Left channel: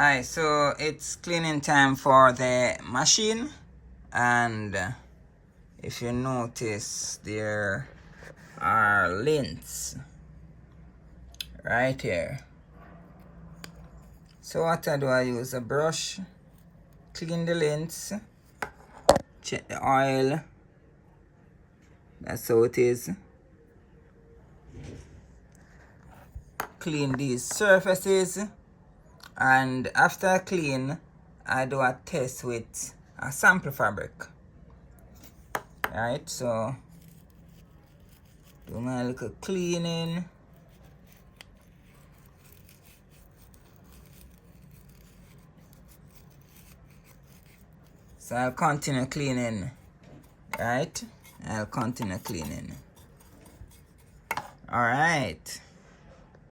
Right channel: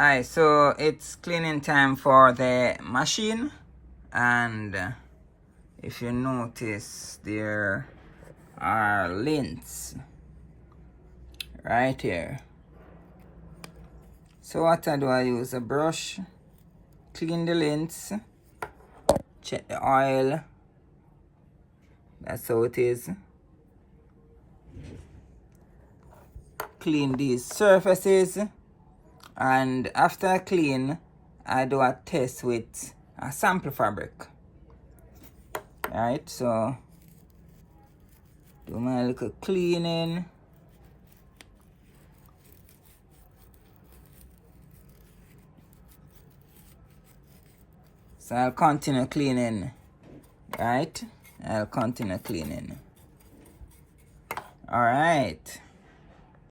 Alright, so it's cleaning time for the machine, and if you notice, there are lints right here. So what I do, I use a brush, clean the lints, check the oil. That's how it is. Clean these surfaces, and after I clean, I do a test with a sample fabric. Right, so do my little cleaning. So I'll continue cleaning. Right, I'll continue cleaning. All right.